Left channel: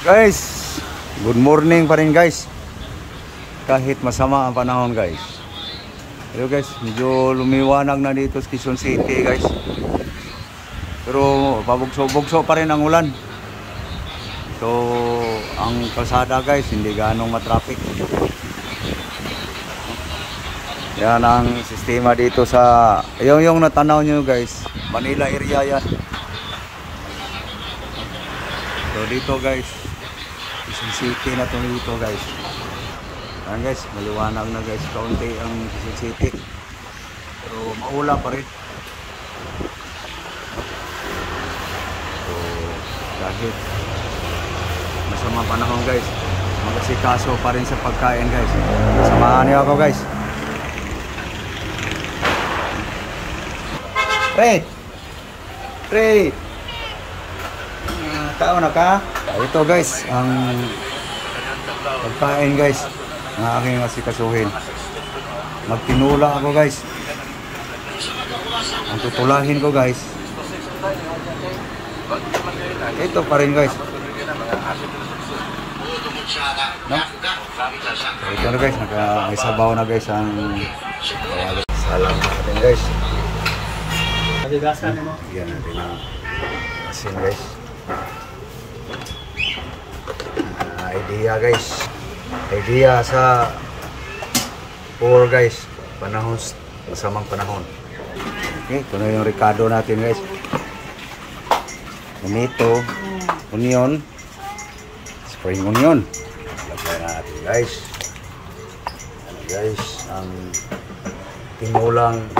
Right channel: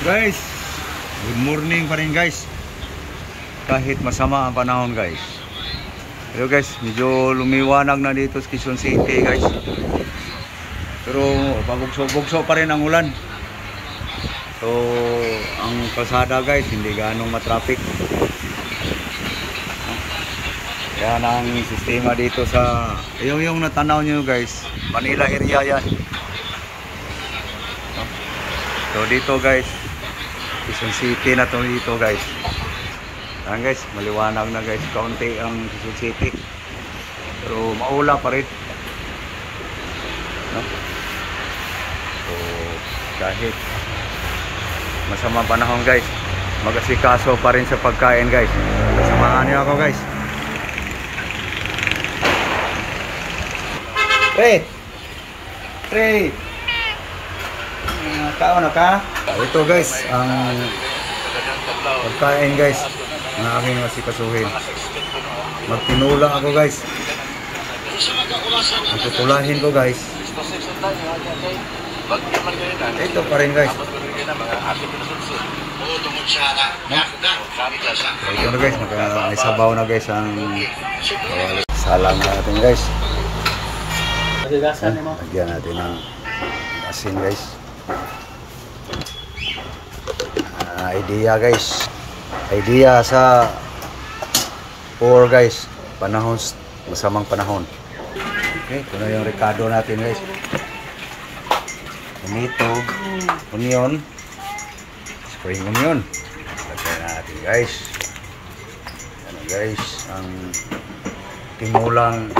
Guys, good morning pa rin guys. Kahit masama ang panahon guys. Pero guys, medyo lumiwanag na dito sa Quezon City guys. Pero pabugso-bugso pa rin ang ulan. So, ang kalsada guys, hindi ganong matraffic. Yan ang sistema dito sa yung natanaw nyo guys, Manila area yan. So dito guys, Quezon City na to dito guys. Ayan guys, maliwanag na guys, kaunti ang Quezon City. Pero maula pa rin. No? So kahit masamang panahon guys, mag-asikaso pa rin sa pagkain guys. Kasamahan niyo ako guys. Red! Tao na ka? Ito guys, ang pagkain guys ng aking asikasuhin. Magtinula ako guys. Ang tutulahin ko guys, ito pa rin guys. No? So, ito na guys, may sabaw na guys ang kawali. Salam natin guys. Lagyan natin ng asin guys. Idea guys, idea sa poor guys, panahon, masamang panahon. Okay, ito na yung ricado natin guys. Tomato, onion, spring onion. Lagyan natin guys. Ano guys, ang tinulang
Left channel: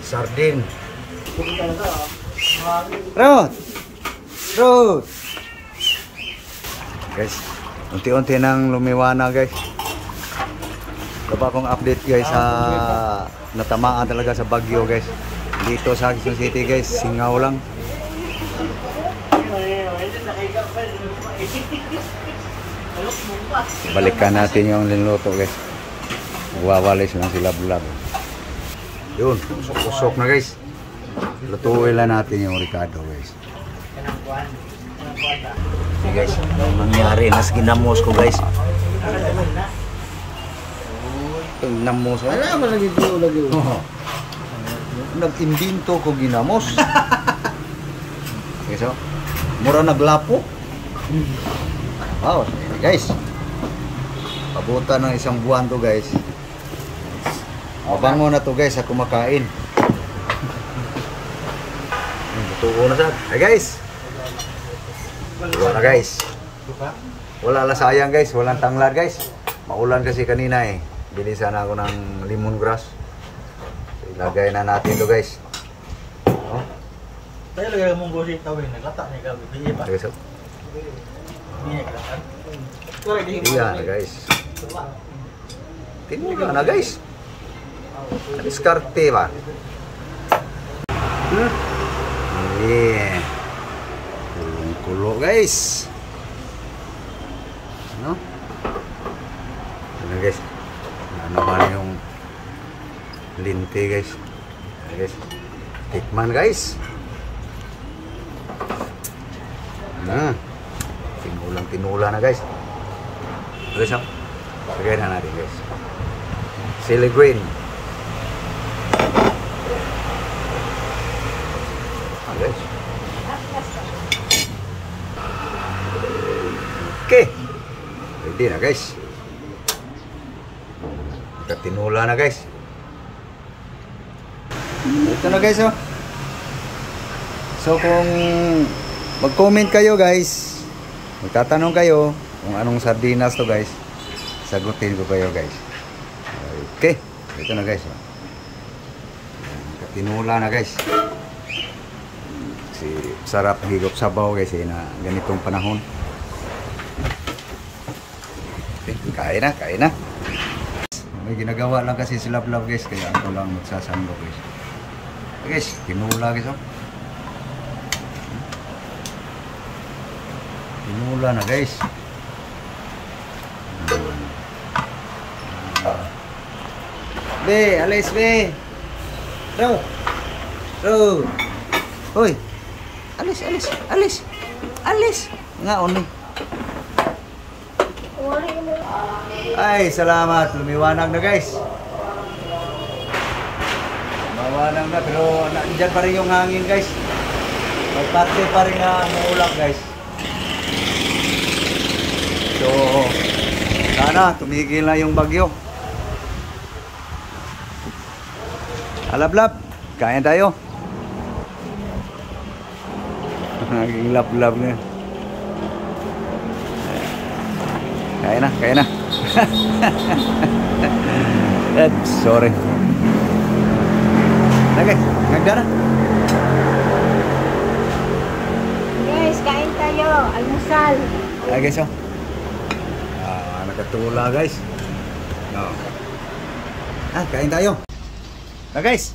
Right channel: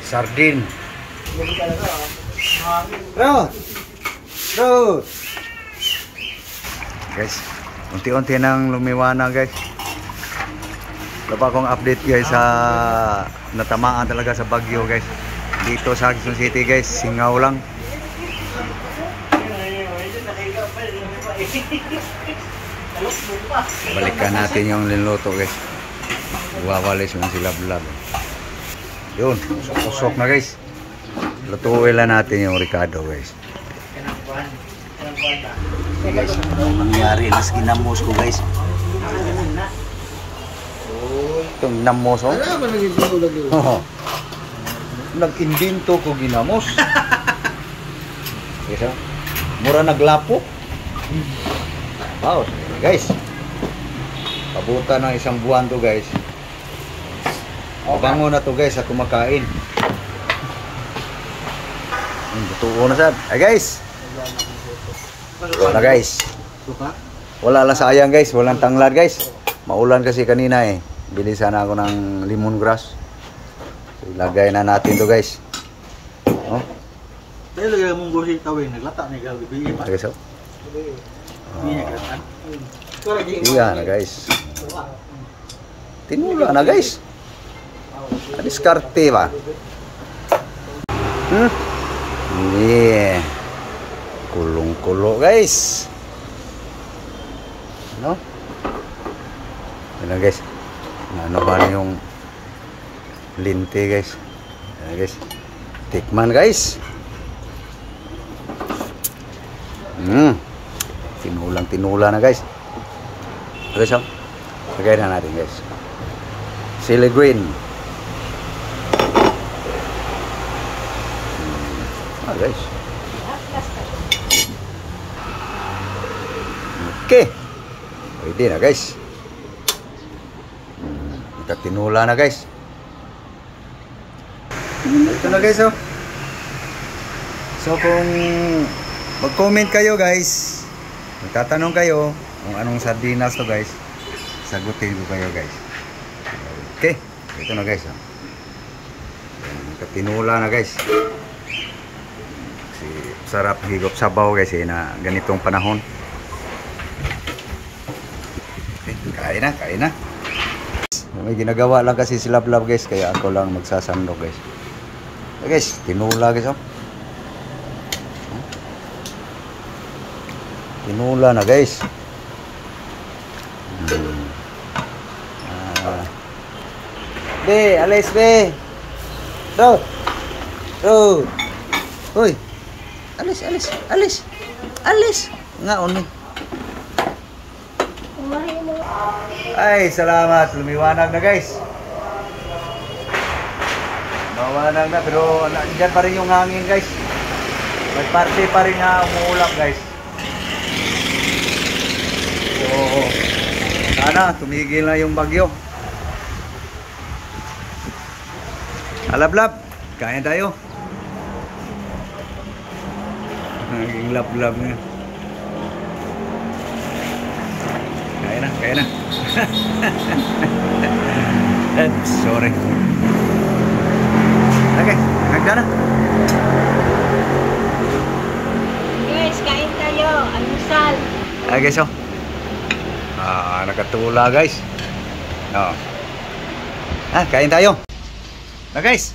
sardin. Rod! Guys, unti-unti nang lumiwanag guys. Wala pa akong update guys sa natamaan talaga sa bagyo guys. Dito sa Quezon City guys, singaw lang. Balikan natin yung linluto guys. Wawalis lang sila vlog. Yun, usok na guys. Lutuin lang natin yung ricado guys. Okay guys, anong nangyari? Mas ginamos ko guys. Itong ginamos oh. Nag-imbento ko ginamos. Guys oh, mura naglapo. Wow, guys. Pabuta ng isang buwan to guys. Mabango na to guys, ako makain. Tutuo na sad. Ay guys. Wala guys. Wala lang sayang guys, walang tanglad guys. Maulan kasi kanina eh. Bili sana ako ng lemongrass. Ilagay na natin to guys. Oh. Tayo lagay mong gosi tawin, naglata na ikaw bibi pa. Okay, so. Iya na guys. Tinula na guys. Diskarte ba? Yeah. Kulong-kulo guys. No? Ano guys? Ano ba yung linti guys? Ano guys? Tikman guys. Tinulang-tinula na guys. Guys, oh. Lagay na natin guys. Chili green. Guys. Okay. Pwede na guys. Tinula na guys. Ito na guys oh. So kung mag-comment kayo guys, magtatanong kayo kung anong sardinas to guys, sagutin ko kayo guys. Okay. Ito na guys oh. Tinula na guys. Sarap higop sabaw guys na ganitong panahon. Okay, kain na. May ginagawa lang kasi sila vlog guys, kaya ako lang magsasandok guys. Okay guys, tinula guys oh. Tinula na guys. Be, alis be. Bro. Hoy. Alis. Nga, on. Ay, salamat. Lumiwanag na guys. Mawanag na, pero nandiyan pa rin yung hangin guys. May parte pa rin nga umuulap guys. So, sana tumigil na yung bagyo. Alablab, kain tayo. Naging lab-lab nga. Kain na, kain na. Sorry. Okay, nagda na. Guys, kain tayo. Almusal. Okay, so. Nakatula guys. No. Kain tayo. Na guys.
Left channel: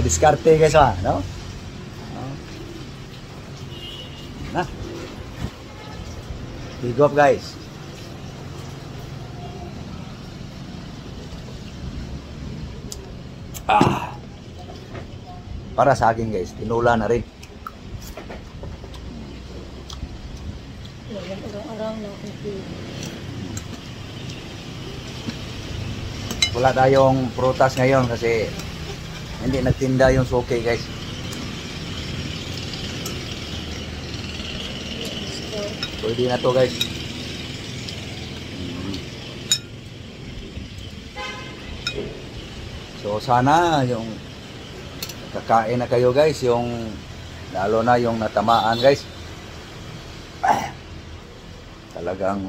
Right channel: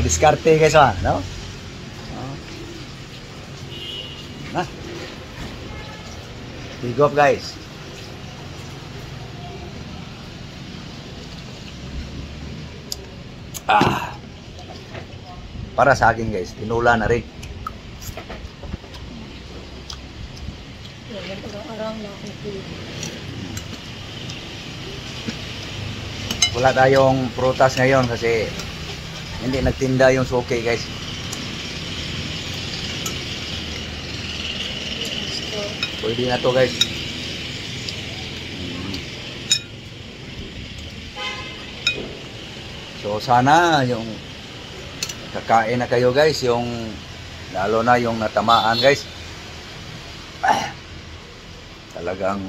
Diskarte guys no? Big up guys. Para sa akin guys, tinula na rin. Wala tayong prutas ngayon kasi hindi nagtinda yung suki guys. Pwede na to guys. So sana yung kakain na kayo guys, yung lalo na yung natamaan guys. Talagang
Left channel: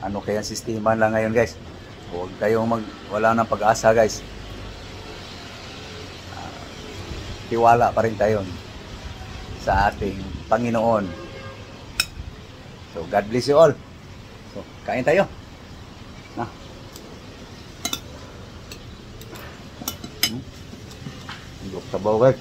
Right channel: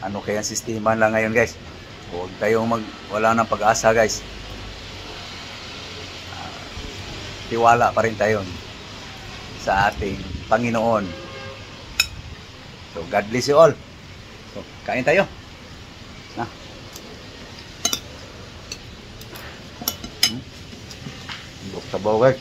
ano kaya sistema lang ngayon guys. Huwag kayong wala ng pag-asa guys. Tiwala pa rin tayo sa ating Panginoon. So God bless you all. So kain tayo. Na. Buk sabaw guys.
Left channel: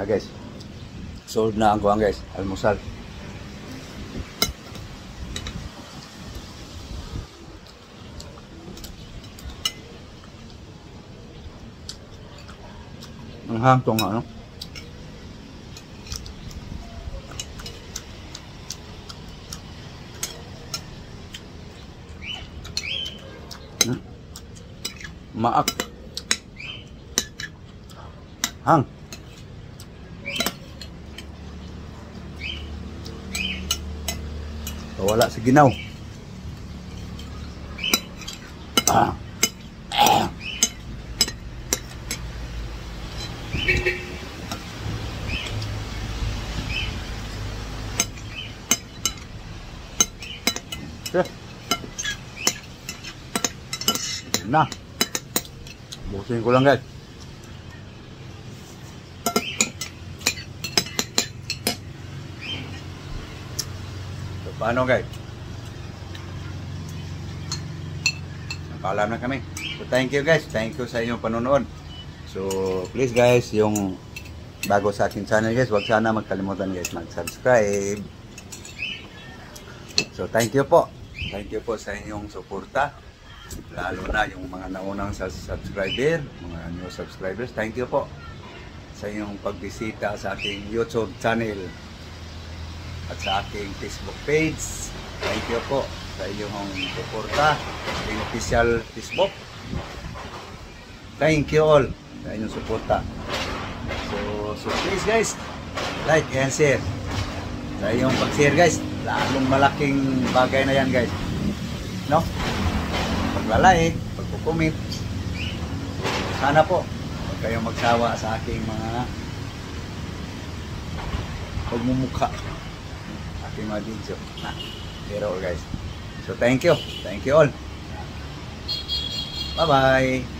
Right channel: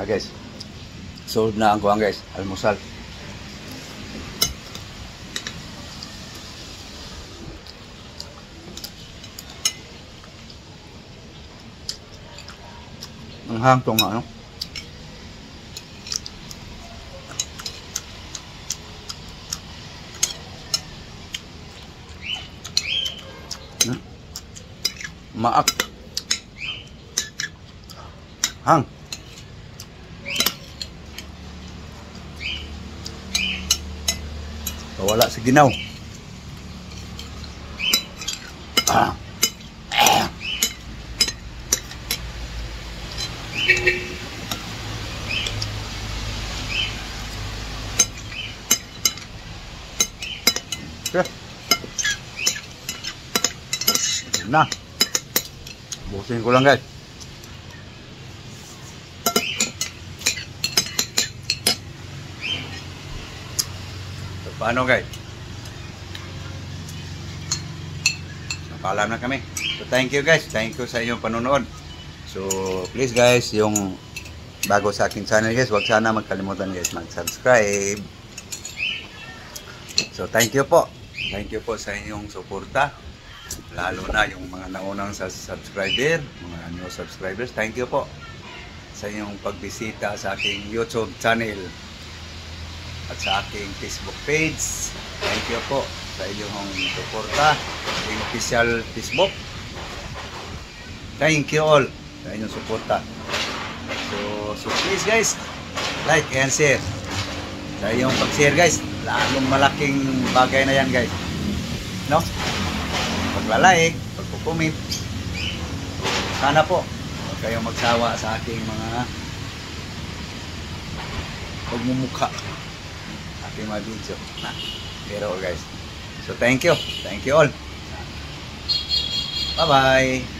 Na guys, sold na ang kuhan guys, almusal. Ang hangtong ano. Maak. Hang. Wala sa ginaw. Na. Busin ko lang guys. So, paano guys? Napaalam na kami. So thank you guys. Thank you sa inyong panonood. So please guys, yung bago sa aking channel guys, huwag sana magkalimutan guys mag-subscribe. So thank you po. Thank you po sa inyong suporta. Lalo na yung mga naunang subscriber, mga new subscribers. Thank you po sa inyong pagbisita sa aking YouTube channel at sa aking Facebook page. Thank you po sa inyong suporta sa inyong official Facebook. Thank you all sa inyong suporta. So please guys, like and share. Sa inyong pag-share guys, lalong malaking bagay na yan guys, no? Paglalay, pag comment. Sana po huwag kayong magsawa sa aking mga pagmumukha, aking mga video. Pero guys, so thank you all. Bye bye.